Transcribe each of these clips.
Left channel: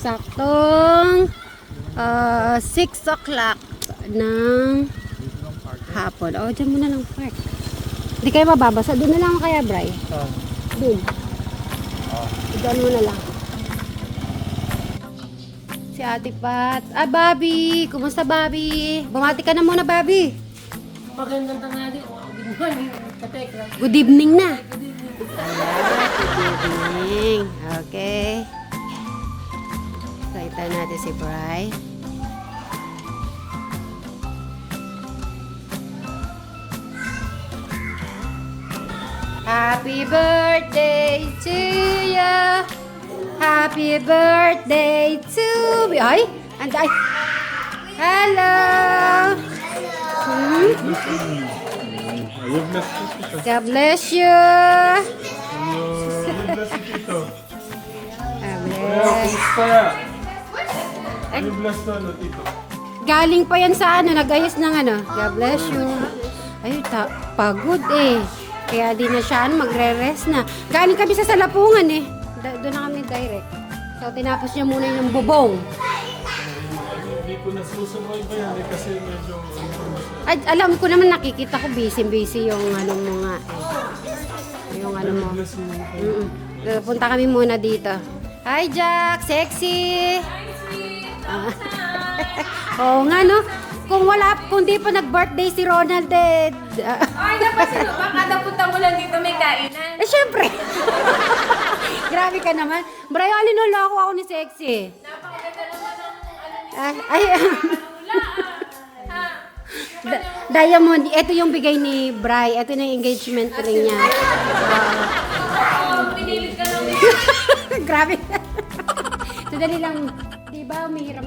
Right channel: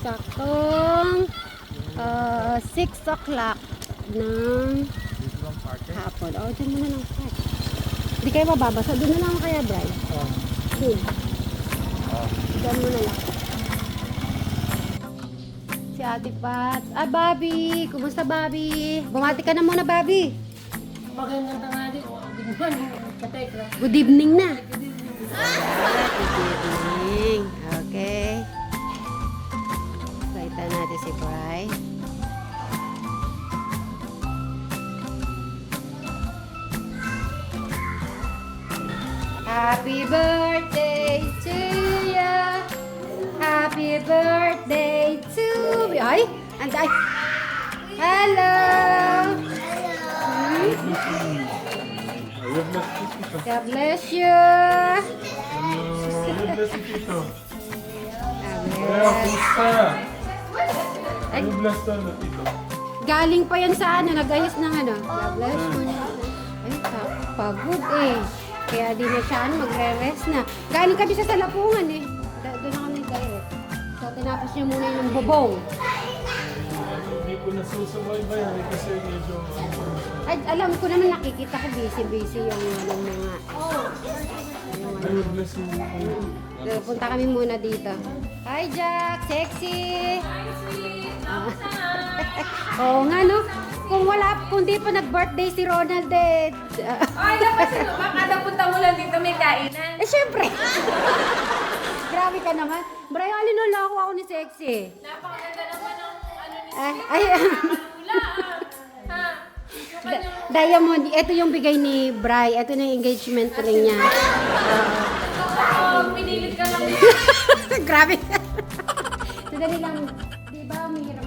Saktong 6 o'clock ng hapon. O, dyan muna ng park. Hindi kayo mababasa. Doon na lang kaya, Bri. Doon. Doon muna lang. Si Ate Pat. Ah, Bobby. Kumusta, Bobby? Bumati ka na muna, Bobby. Magandang tanghali. Good morning. Katekra. Good evening na. Good evening. Good evening. Okay. So, ito natin si Bri. Happy birthday to ya. Happy birthday to me. Ay, anday. Hello. God bless you. God bless you, Tito. Amen. God bless you, Tito. Galing pa yan sa ano, nag-ayos ng ano. God bless you. Ay, pagod eh. Kaya di na siya magre-rest na. Galing kami sa Salapungan eh. Doon na kami direct. So, tinapos niya muna yung bubong. Hindi ko nasusabay ba yan kasi medyo Ay, alam ko naman, nakikita ko busy yung ano mga yung ano. God bless you. Punta kami muna dito. Hi Jack, sexy. Oo nga no. Kung di pa nag-birthday si Ronald eh. Ay, dapat sino? Baka napunta mo lang dito may kainan. Eh, syempre. Grabe ka naman. Brian, alinula ako ni sexy. Napakaganda naman ng Ay, Diamond, ito yung bigay ni Bri. Ito na yung engagement ring niya. pinilit ka lang. Grabe. Sandali lang, di ba umihiram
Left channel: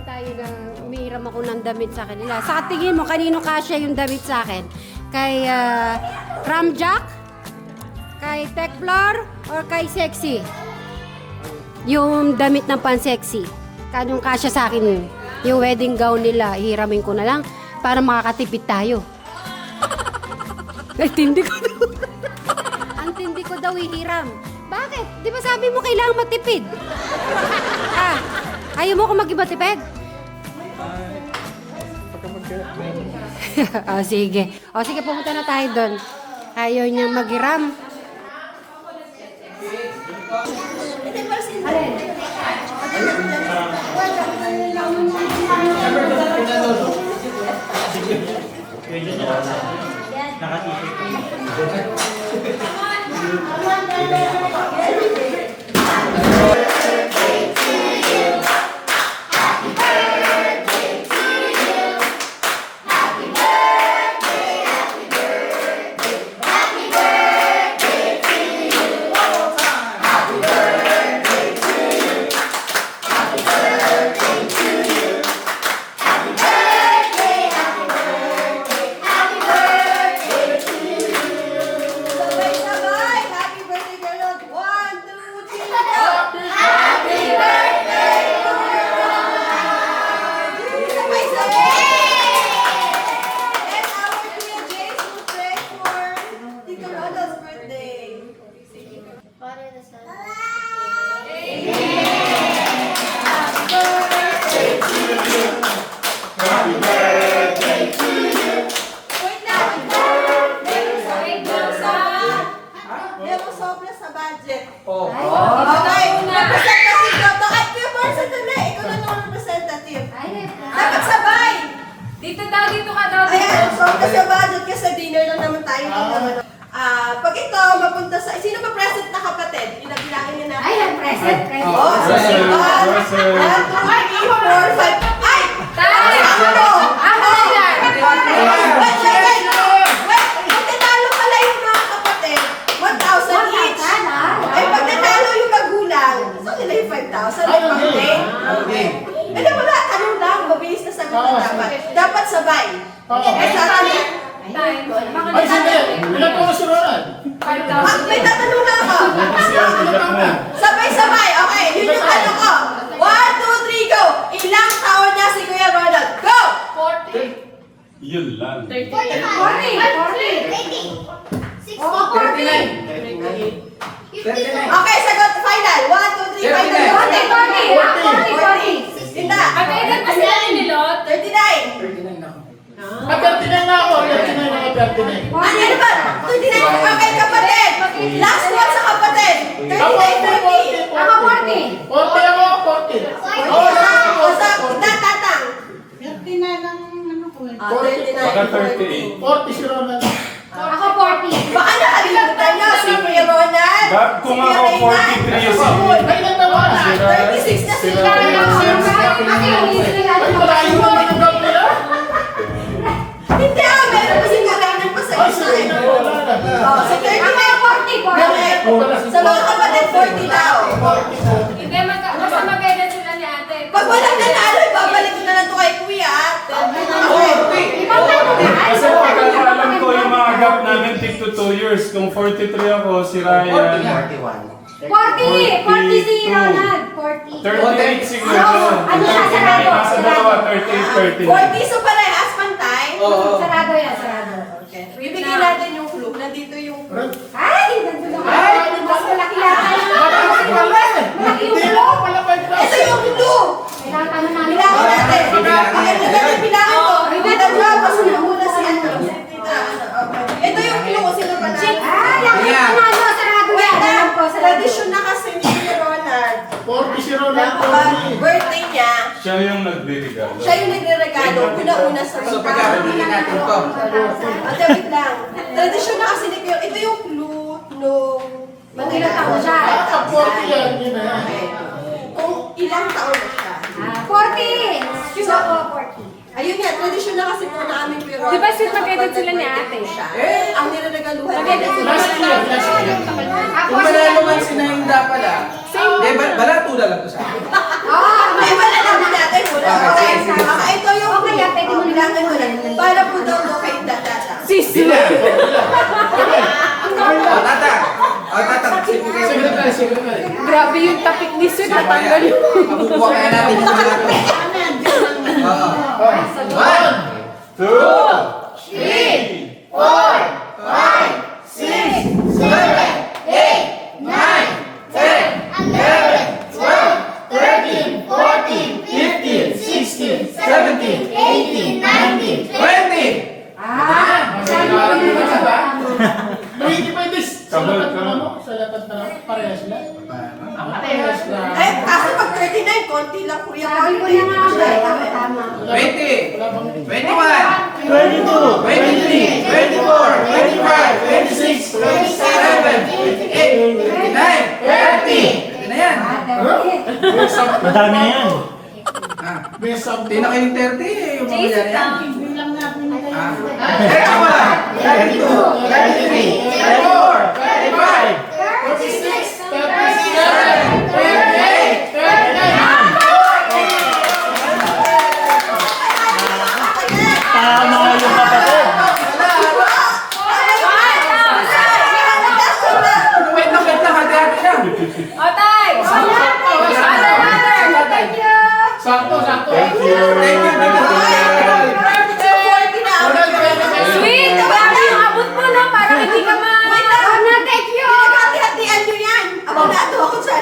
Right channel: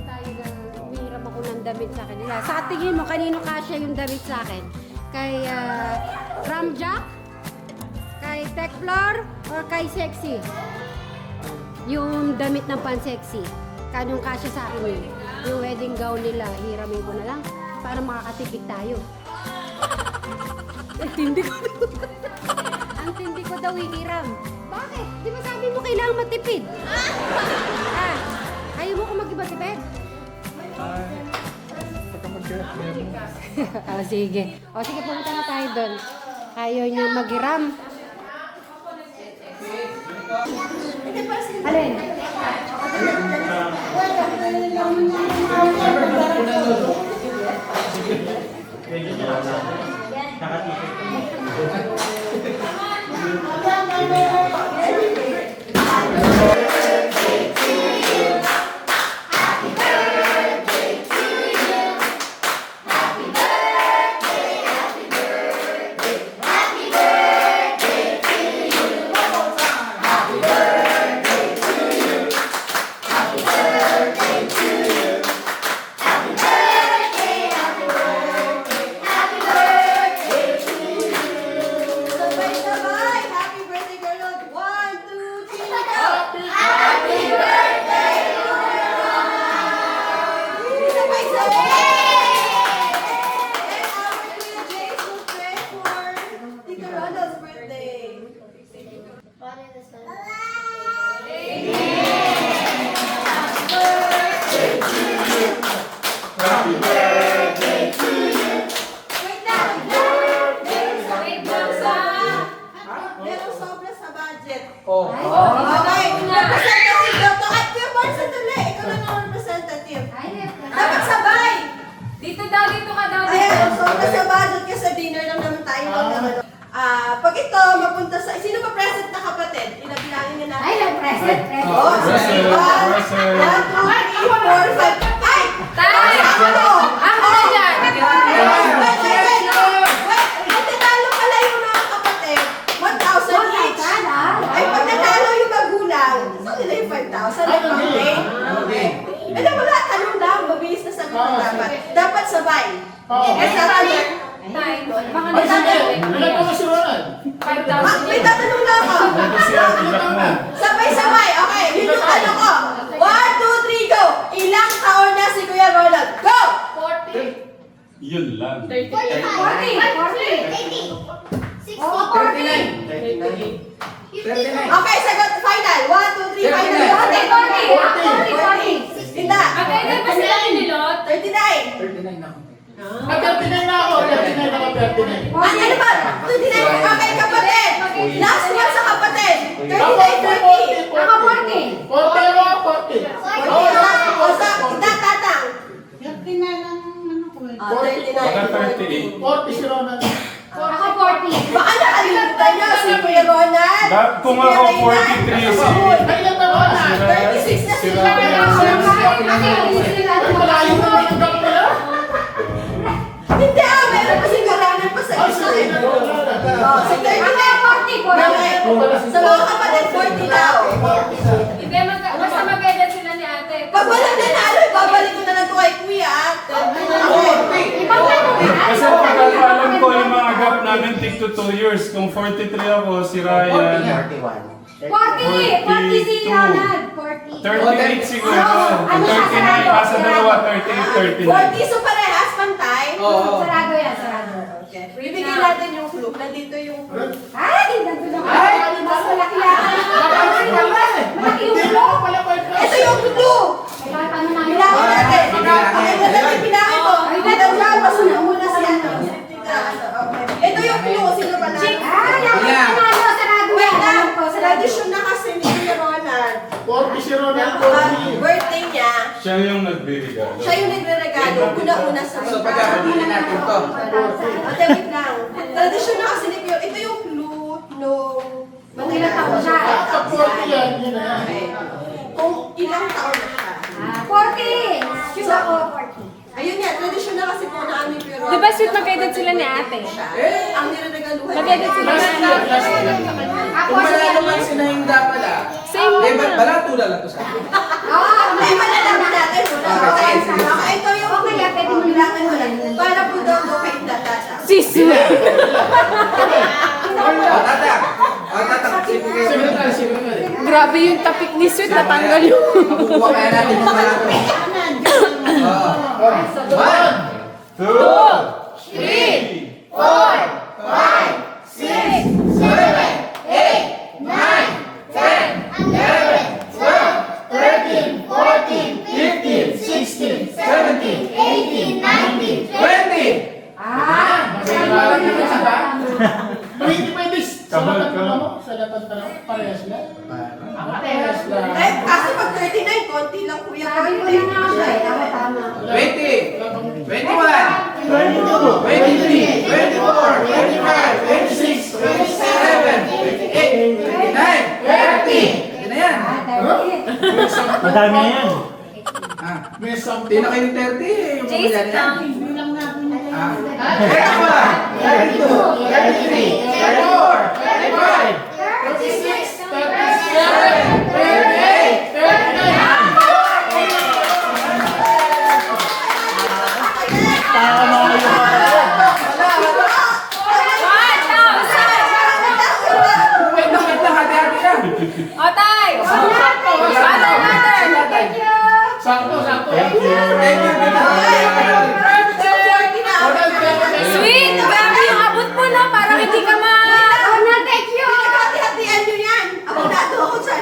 ako ng damit sa kanila. Sa tingin mo, kanino kasya yung damit sa akin? Kay Ramjack? Kay Techflor? Or kay Sexy? Yung damit ng pan-sexy. Kanong kasya sa akin yun? Yung wedding gown nila, hiramin ko na lang para makakatipid tayo. Ay, tindi ko daw. Ang tindi ko daw ihiram. Bakit? Di ba sabi mo kailangan matipid? Ayaw mo ko mag-iba tipid? Pagka mag-meron. Sige. Sige, pumunta na tayo doon. Ayaw niyo mag-iram. Alin? Pag ito, mapunta sa... Sino ba present na kapatid? Pinabilangin niya natin. Ay, present. Oh, sige. 1, 2, 3, 4, 5. Ay! Tayo! Ano? Ako na yan! Wait! Pag tinalo pala yung mga kapatid, 1,000 each. Ay, pag tinalo yung magulang, so nila yung 5,000. Okay. Eh, wala. Tanong lang. Mabilis na sagot na dapat. Dapat sabay. Eh, tatanong. Ay, Ilan pa si Ronald? May tatanong na ako. Sabay-sabay. Okay, yun yung ano ko. 1, 2, 3, go! Ilang taon na si Kuya Ronald? Go! 40. Yun lang. 38. 40. Okay, sagot. Final. 1, 2, 3, final. 40. 40. Ano ba? 29 okay kapatid. Last one sa kapatid. 39, 40. Ako 40. 40 ako, 40. Oh, o sa tatang. 39 ang ano ko eh. 39, 40. 40 si Ronald. Ako 40. Baka nakalimutan nyo si Kuya Ronald. Kung ako 43, Ay, ilan na ba? 36 na sila. Ay, malayo na ang gawin nila. Hindi meron pa siguro lang pa sa Ay, isa. sige na. Oh, si 39, 40. Sa mga kapatid, 40 daw. Hindi, basta mag-edit sila ni ate. Pag walang nanalo, ibabalik ko na lang to kay Kuya. Kasi pagkakalam ko yung mga gap namin tig to 2 years. Kung 43 ako, si Ryan. 40 si Ronald. 40. 38 siguro. Ano siya, sarado. Nasa dalawa, 38, 40 so parehas pantay. Sarado yan, sarado. Okay. Ibigay natin yung clue. Nandito yung clue. Ay, nandun ako. Mas malaki yata. Malaki pala eh. Malaki yung Hindi ulo. ako pala by class. Ito yung clue. Kailangan ano namin. Bilangan natin. Okay, natin bilangin ko. Naglapas na muna si ano. Okay. Ito yung clue. Sino pa na? Ay, ang panalo, sarado Wait yan. na. Alam ko, sarado. Tradisyon na kasi ni Kuya Ronald. 40 si Ronald, Pag 40. birthday niya, Siya yung nagbibigay. siya yung nagre-regalo. Una-una sa So, pagkakabili natin to. Ate, wait lang. Tradisyon na kasi ni Kuya. Ito yung clue nung Ilang taon siya? Pag 40 yan, yun na yan. Okay. Kung ilang taon na siya. 40. Sure ako, 40. Ayun nga, tradisyon na kasi po na aming pero. Di ba sweet mag-edit sila ni ate? Ang nireregaluhan Mag-edit sila. Last year, last year. Kung manalo man si Nainda pala, eh, balato na lang to sa akin. Ay, malalaman natin muna. Okay, okay, ito yung Okay, pwede mo bilangan ko na. Para po daw kay Datata. Sisi. O, tatang. O, tatang. Secretary, secretary. Grabe yung tapik ni Sweet. Natanggal yung... Makukuha kaya natin yung balato. Oo. 2, 3, 20! Pwede pwede sa Sabay lahat ka ng na. ano? Sa lahat ng tanong, parehas na? Ako parehas na. Eh, kasi pag 39, konti lang kuya. Sabi ko na nga siya, tama-tama. 20! Wala bang 21! 22. 23! 24! 25! 26! 27! 28! 29! 30! Yun na yan! May something. Madami na yan. Ah, May something. Hindi na kayong 30 eh, yung mga yan yan. Bilang natin. Ah. Teka mo lang! 32! 33! 34! 35! 36, 37, 38, 39. Wait lang, hati-hati na! Atay! Sakto, sakto. Thank you. Sweet! Grabe yung abot mo na. Parang hindi ka ma... Thank you! Hati-hatian nyo yan! Abonado ako sa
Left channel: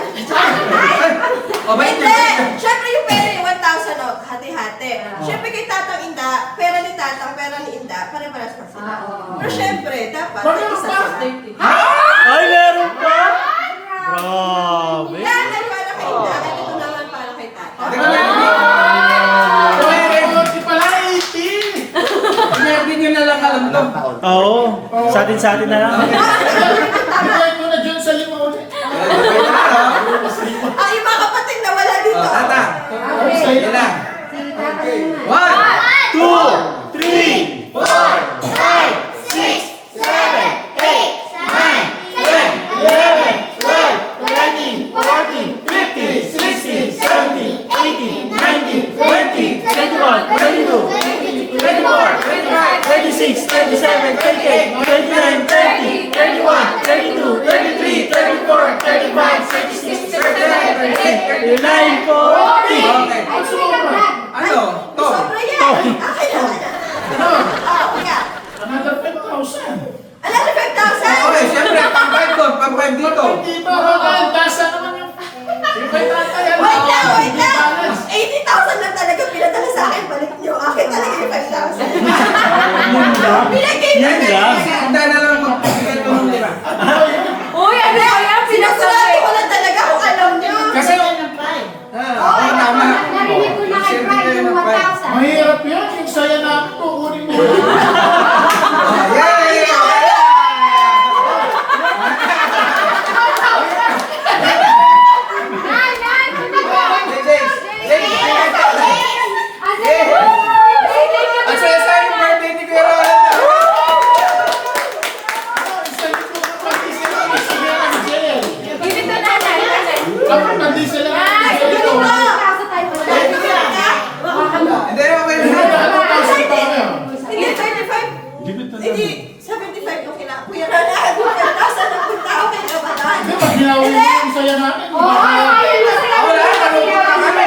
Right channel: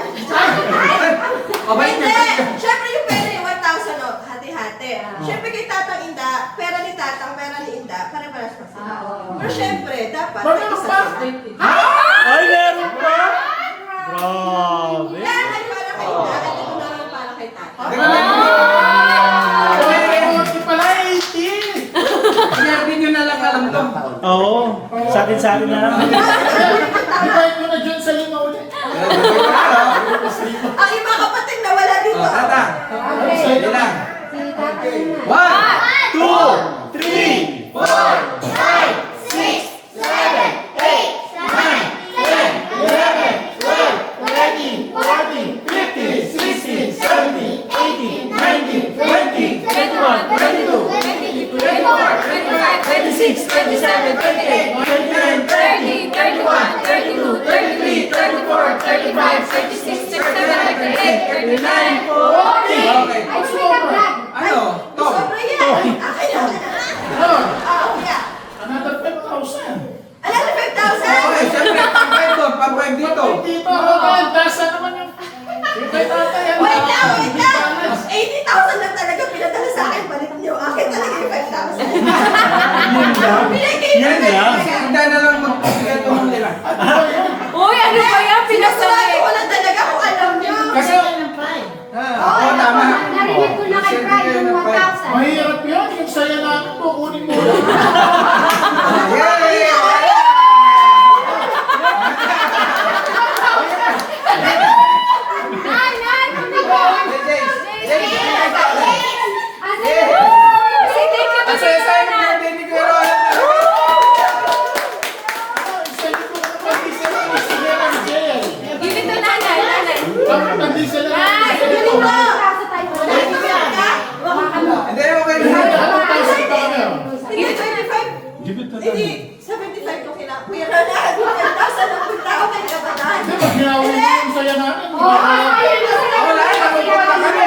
O, bait Hindi! na. Siyempre yung pera yung 1,000 o, hati-hati. Siyempre kay Tatang Inda, pera ni Tatang, pera ni Inda, pare-paras pa sila. Pero siyempre, dapat may isa sila. Ay, meron pa? Grabe. Yan ay para kay Inda, at ito naman para kay Tatang. Di pala 18. Hindi nyo na lang alam to. Oo. Sa atin na lang. Ibigay ko na dyan sa lima ulit. Ang iba kapatid na wala O, dito. tatang. Sige lang. Si tatay naman. 1, 2, 3, 26, 27, 28, 29, 30, 31, 32, 33, 34, 35, 36, 37, 38, 39, 40. Okay. Ay, sumilagdag. Ano? To. Sobra yan. Akin na. Kuya. Another 5,000. Alam mo, 5,000? Okay, syempre, pang-5 doon, pang-5 dito. Dito, Ronald. Tasa naman yung... Ibigay tatay yan. Wait lang. 80,000 lang talaga pinadala sa akin. Balik niyo. Akin talaga yung 5,000. Pinagay Yan lang. Handa na lang magpapagyan ko ng nila. Uy, ano ba yan? Pinasurado ko lang talaga kung alam nyo. Kasi, oo, tama. Narinig ko na kay Brian yung 1,000. Mahirap yun. Yung saya namin po, kunin mo. Yay! Ang saya-saya ng birthday ni Kuya Roland. Dito na, nanay. Pag-diesel na. Hindi, okay na. Hindi, 25. Give it to Hindi, them. 75 yung kina. Kuya Roland, 5,000 ang punta ako kay Kabataan. Pag-yawa mo yung saya namin. Wala, nalungkot na kami.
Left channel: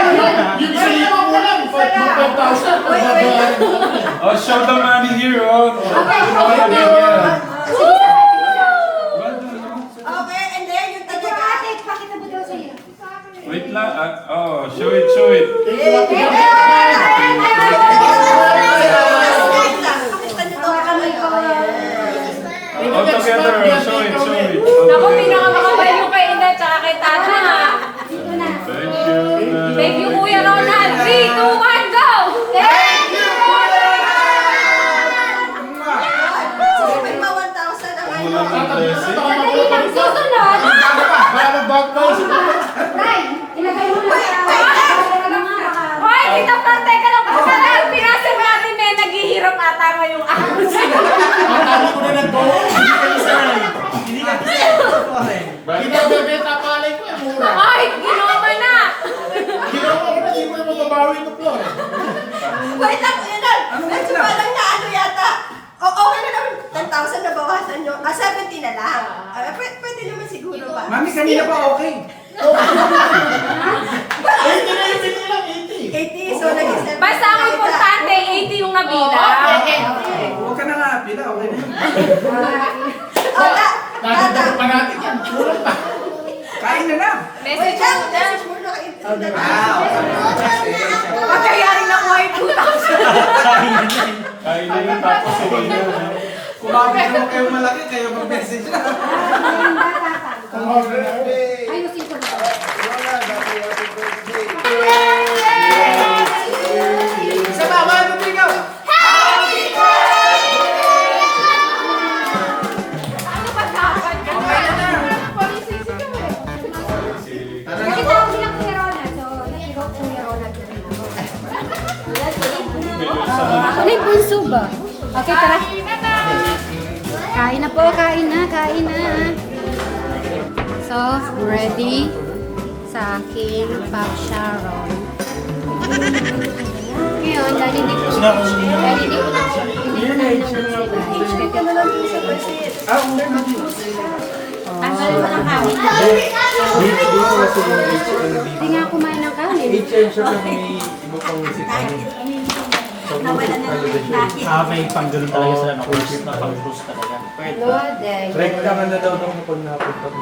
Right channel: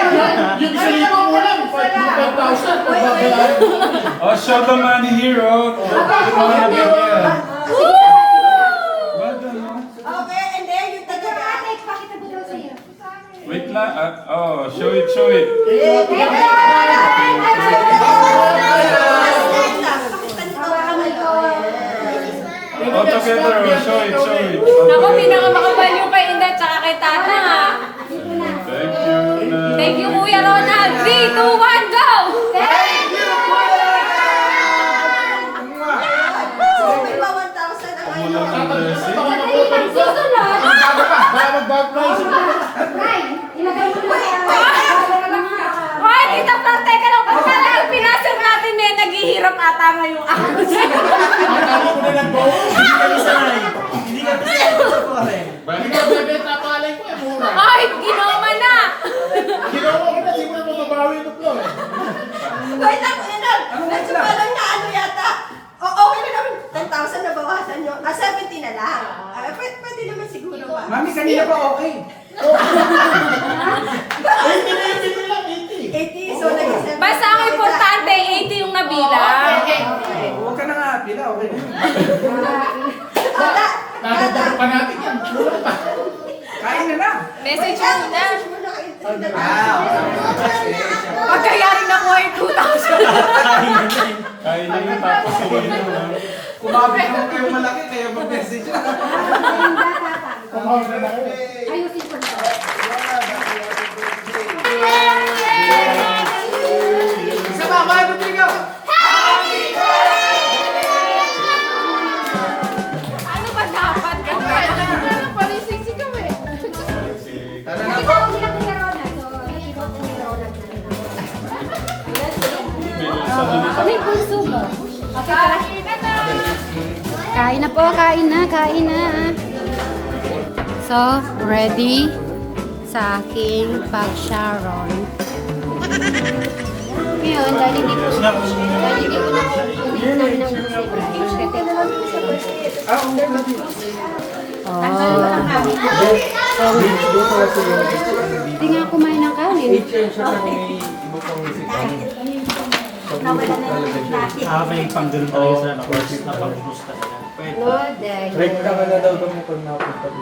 Yung saya mo lang, 5,000. Pagbabayaran mo lang. Oh, show the money here, oh. Well done, Okay, and then yung talaga. Pakita mo daw sa'yo. Wait lang. Oh, show it, show it. Pakita niyo to kami. All together, show it, show it. Naku, pinakamakabal yung kay Ina tsaka kay Tata. Thank you. Thank you, Kuya Ronald. 3, 2, 1, go! So, may pa 1,000 ang ano. Blessing. Susunod! Bago pa lang sa Brian, ilagay mo na Hoy, dito pa, teka lang. Kasi yung pinasok natin eh, naghihirap ata mo yung ahos. Tama ko na lang po. Hindi ka sanay. Hindi ka sanay. Binabebenta palay ko eh, mura. Ay, ginawa na. Ginawa ko na, hindi mo na mababawi ito po. Wait lang, Kuya Nal. Medyo parang na ano yata. Okay na naman, 10,000 na bawasan nyo. 70 na lang. Pwede naman siguro ba? Mami, kanina pa okay. 80 na yung bigay lang, 80. 80, so nag-70. Basta ang importante, 80 yung nabilang. Huwag ka na nga pila, okay na yun. Nadagdag pa natin yan. Kulang pa. Kain na na. Message Wait lang, mo na. message mo na kay Okay. Pagkayarin na mo ay 2,000. Kain na yun, tapos sabihin nyo na. Kumabi naman kayo malaki, kayo mag-message na. Ayusin ko na. Isa pa, mga tumigaw. Ano ba dapat ka? Okay na na. Tara na po. Ikaw sila Kuya Ronald. So, ikaw Kuya Ronald. Ano yung punso ba? Okay, tara. Kain na po, kain na, kain na. So, ready sa aking pag-sharon. Ngayon, dahil hindi ko hindi nga kumain ng kanin. May panggaling talaga sila na course na pang-boost talaga. No, dahil. Rekta ka na daw kung pag napunta ko.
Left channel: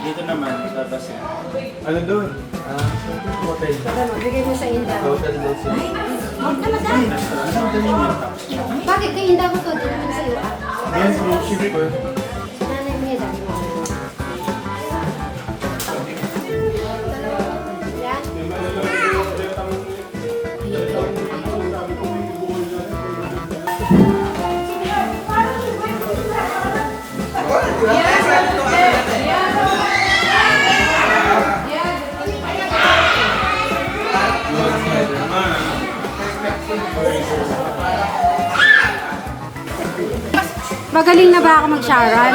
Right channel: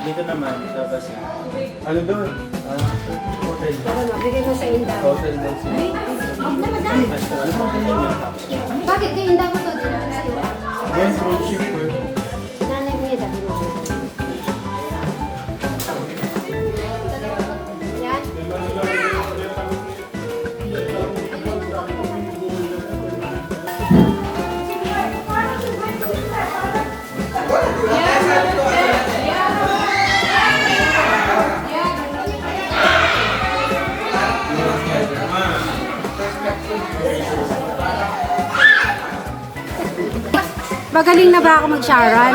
Dito naman, labas yan. Ano doon? Hotel. Tara, mabigay mo sa Inda. Hotel Lesson. Bakit kay Inda ko to? Dito sa iyo. Yes, may shipper. Nanay mo yan, dami mo. Yan. Magaling na ba ako mag-sharon?